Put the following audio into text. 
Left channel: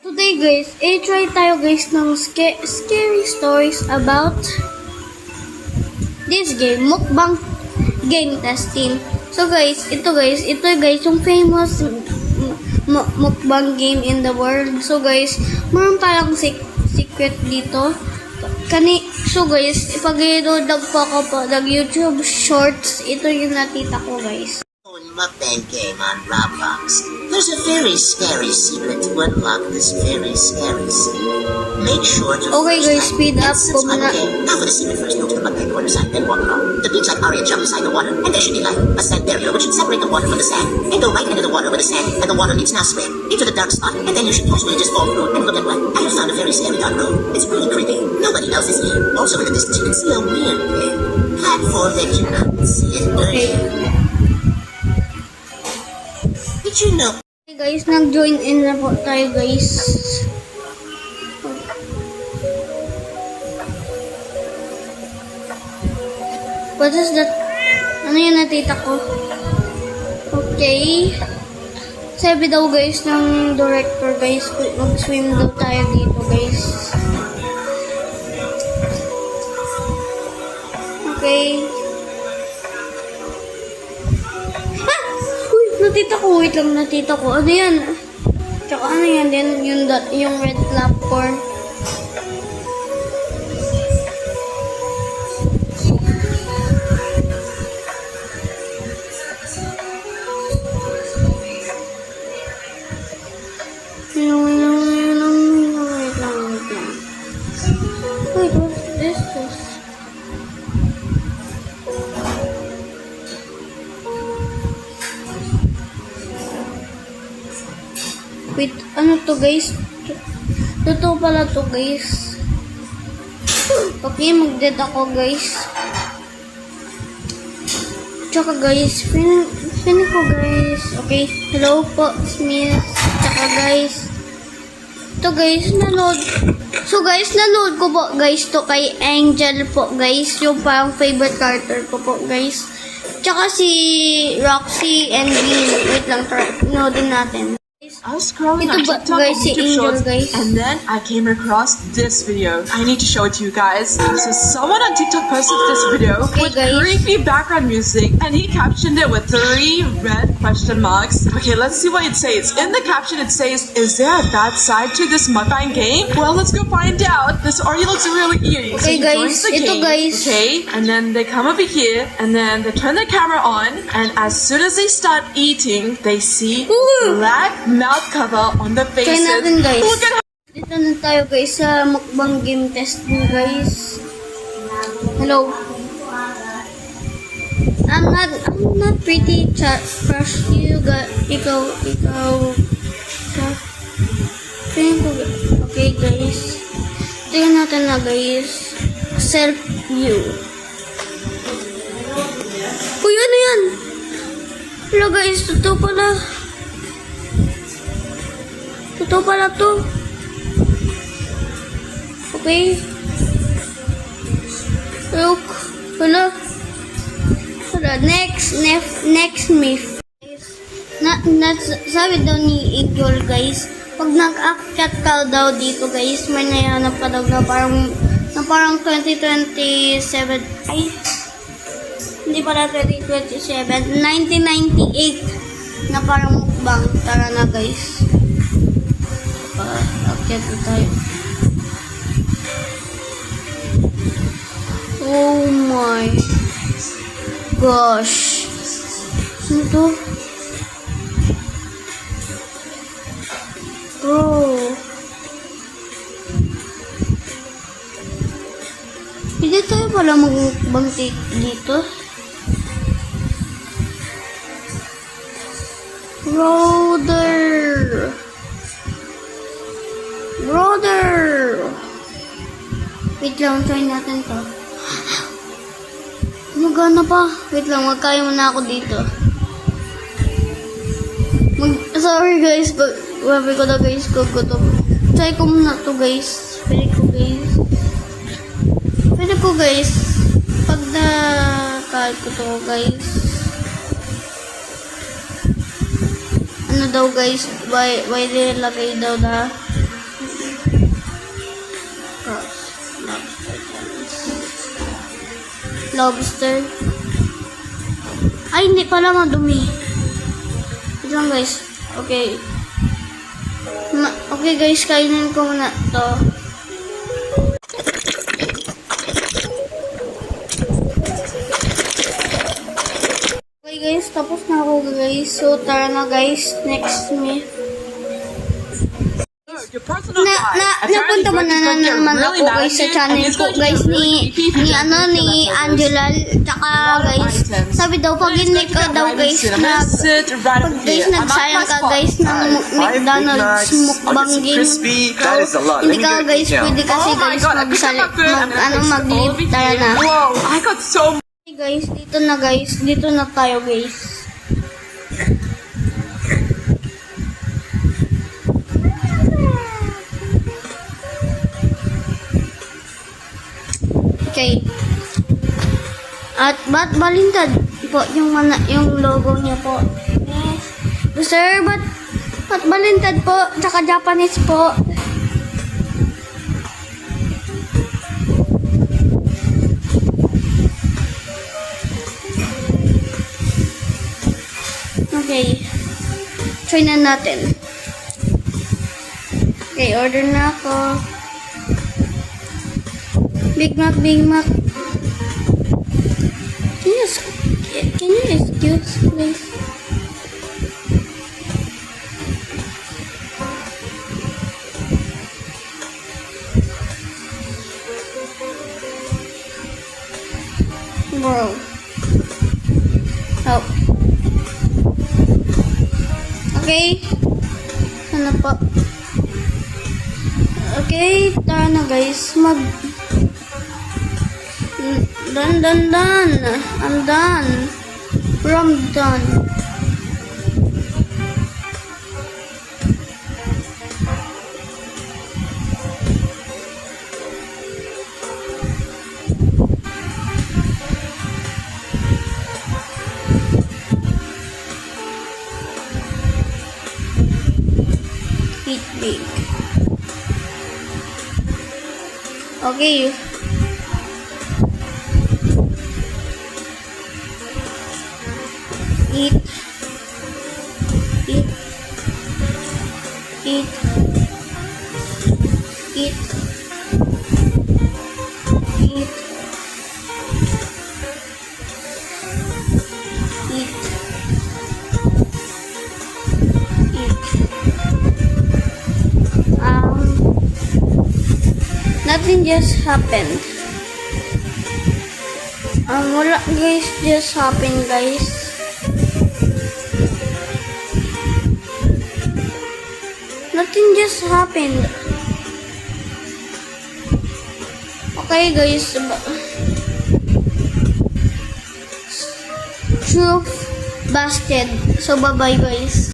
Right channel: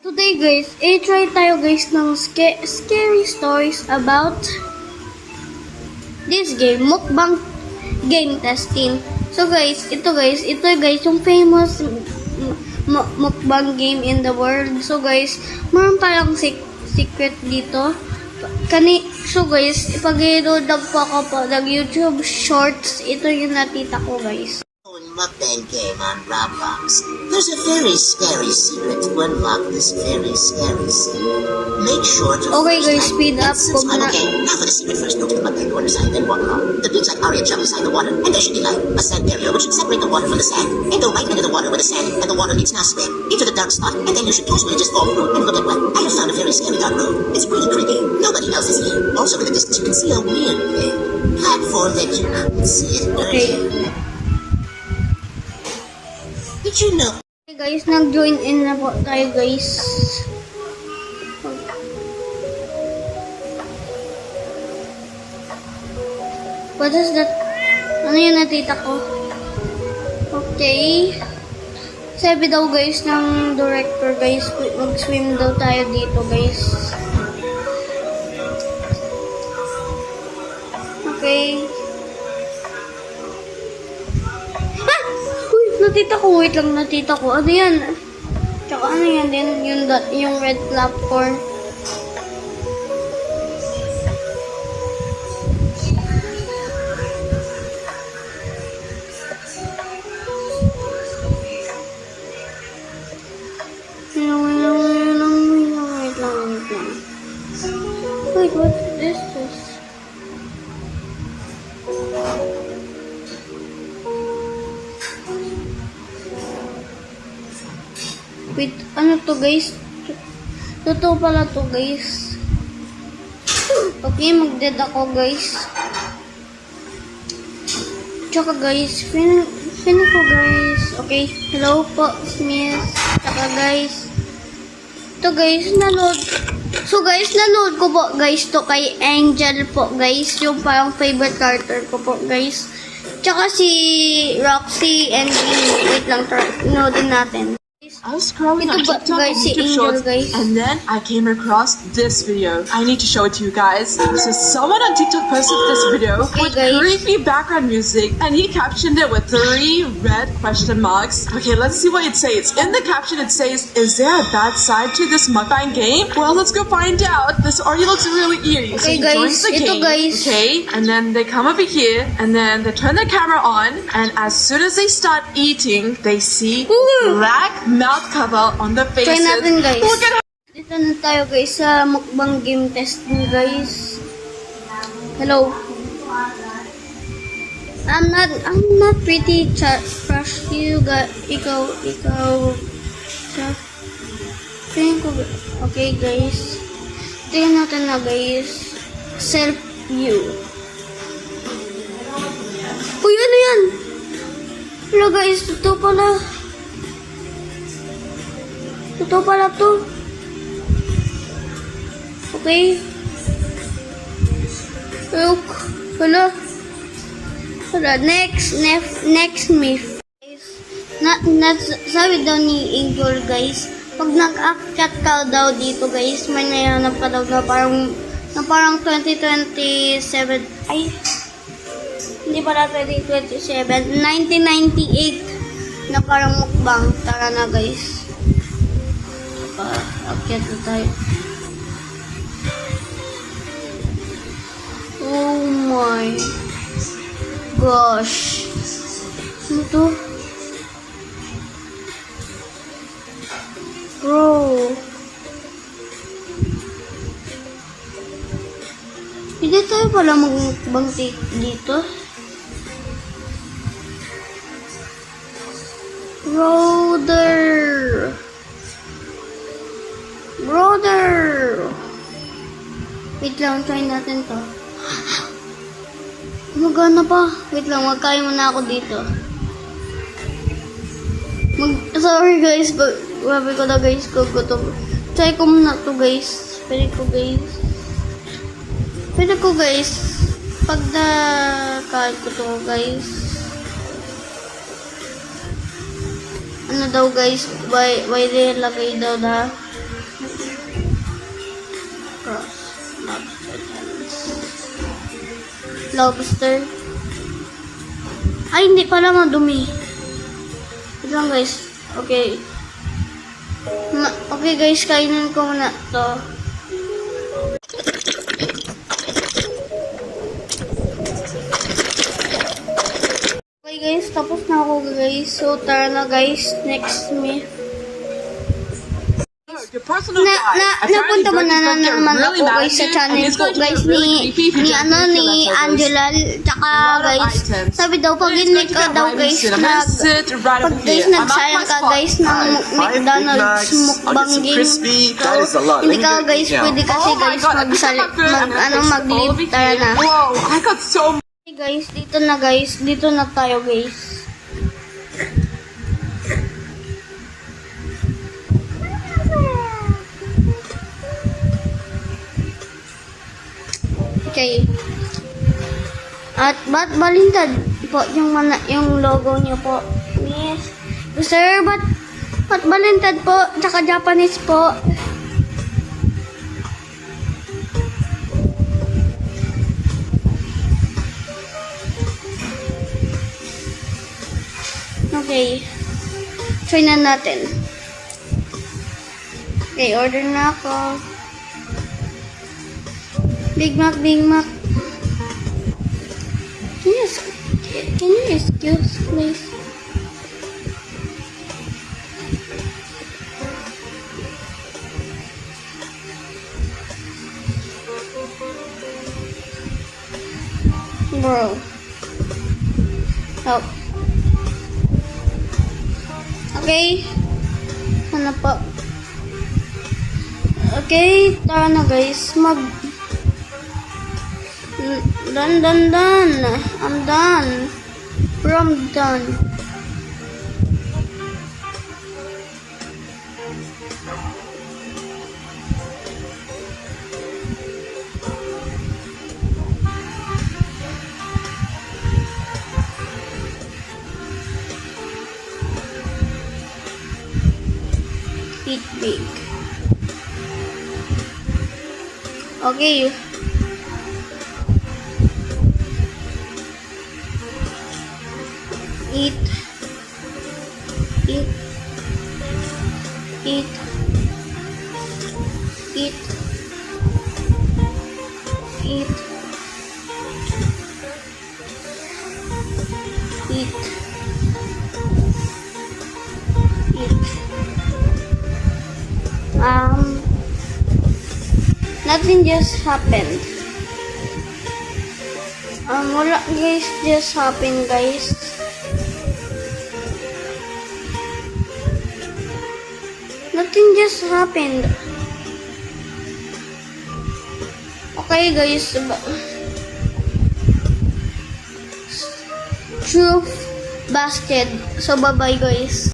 Today guys, try tayo guys ng scary stories about this game, mukbang game testing. So guys, ito guys, yung famous mukbang game in the world. So guys, meron parang secret dito. So guys, ipag-load po ako po ng YouTube Shorts. Ito yung nakita ko guys. Mukbang game on Roblox. There's a very scary secret to unlock this very scary scene. Make sure to Okay guys, speed up ko muna. Okay, now for the secret, first go to the mukbang corner side, then walk along. The big side area jump inside the water, and there should be like a sand barrier which should separate the water from the sand. And go right into the water where the sand and the water meets now swim into the dark spot, and then you should usually just fall through and look at what. I have found a very scary dark room. It's really creepy. Nobody else is here. Also in the distance you can see a weird platform that you couldn't see it earlier. Did you know? Okay guys, nag-join in na po tayo guys. What is that? Ano yung natita ko? Okay. Sabi daw guys ng director guys, mag-swim daw tayo dito guys. Okay. Natita ko, wait lang, natita ko. Ano yan? Tsaka ano yan din, yung red platform. Wait lang. Wait, what is this? Wait, ano to guys? Totoo pala to guys. Okay, mag-dead ako guys. Tsaka guys, feeling ko guys. Okay, hello po, Smith. Tsaka guys. Ito guys, naload. So guys, naload ko po guys to kay Angel po guys. Yung parang favorite character ko po guys. Tsaka si Roxy and Jean. Wait lang, noodin natin. I was scrolling on TikTok guys, and si YouTube Angel, Shorts, guys. and then I came across this video. I need to show it to you guys. So someone on TikTok posted this video Okay, with guys. creepy background music, and he captioned it with 3 red question marks. Okay, let's see what it says. In the caption, it says, "Is there a bad side to this mukbang game?" Well, let's go find out. This already looks really eerie. Okay, so he guys. joins the Ito, game, guys. okay, and then they come over here, and then they turn the camera on, and as soon as they start eating, they see Ooh. black mouth cover on the faces. Try natin guys. Look at Dito na tayo guys sa mukbang game testing guys. Hello. I'm not pretty crush you ikaw feeling ko. Okay guys. Tingnan natin na guys. Self view. Uy, ano yan? Hello guys, totoo pala. Totoo pala to. Okay. Look. Hala. Next myth. Sabi daw ni Angel guys, pag nag-akyat ka daw dito guys, may nayanap pa daw na parang 2027. Ay. Hindi pala 2027. 1998 na parang mukbang. Tara na guys. Akyat na tayo. Oh my gosh. Ano to? Bro. Hindi tayo pala magbang dito. Brother! Wait lang, try natin to. Gumagana pa. Wait lang, magkaya muna ako dito. Sorry guys, wabi ko na guys, gutom. Try ko muna to guys. Pwede ko guys. Pag na-kahit ko to guys. Ano daw guys, why they lagay daw na cross lobster challenge. Lobster. Ay, hindi pala madumi. Wait lang guys. Okay. Okay guys, kainin ko muna to. Okay guys, tapos na ako guys. So tara na guys, next me. Your personal guide. Apparently, Napunta mo Greg is na going to get naman really ako mad guys at sa you, and channel he's ko going to guys get really creepy if you ni don't do ni leftovers. Angela tsaka A lot of guys items. sabi daw pag He's hindi going to ka get daw right guys soon. I'm gonna sit right pag over guys here. I'm at nagsayang my ka spot. guys ng Alright, 5 Big McDonald's Macs. I'll mukbang get some game crispy. That is a lot. hindi Let me ka go guys eat now. pwede kasi Oh my guys god, I picked up my food. I'm gonna fix all mag-leave over tara here. na. Whoa, I got so Okay guys, dito na tayo guys. Okay. At ba't balintad po yung logo niyo po? Yes. Sir, ba't balintad po? Tsaka Japanese po. Okay. Try na natin. Okay, order na ako. Big Mac. Can you excuse, please? Bro. Oh. Okay. Ano po? Okay, tara na guys. Done. I'm done. I'm done. Eat big. Okay. Eat. Nothing just happened. Wala guys, just happened guys. Nothing just happened. Okay guys. Truth busted. So bye bye guys.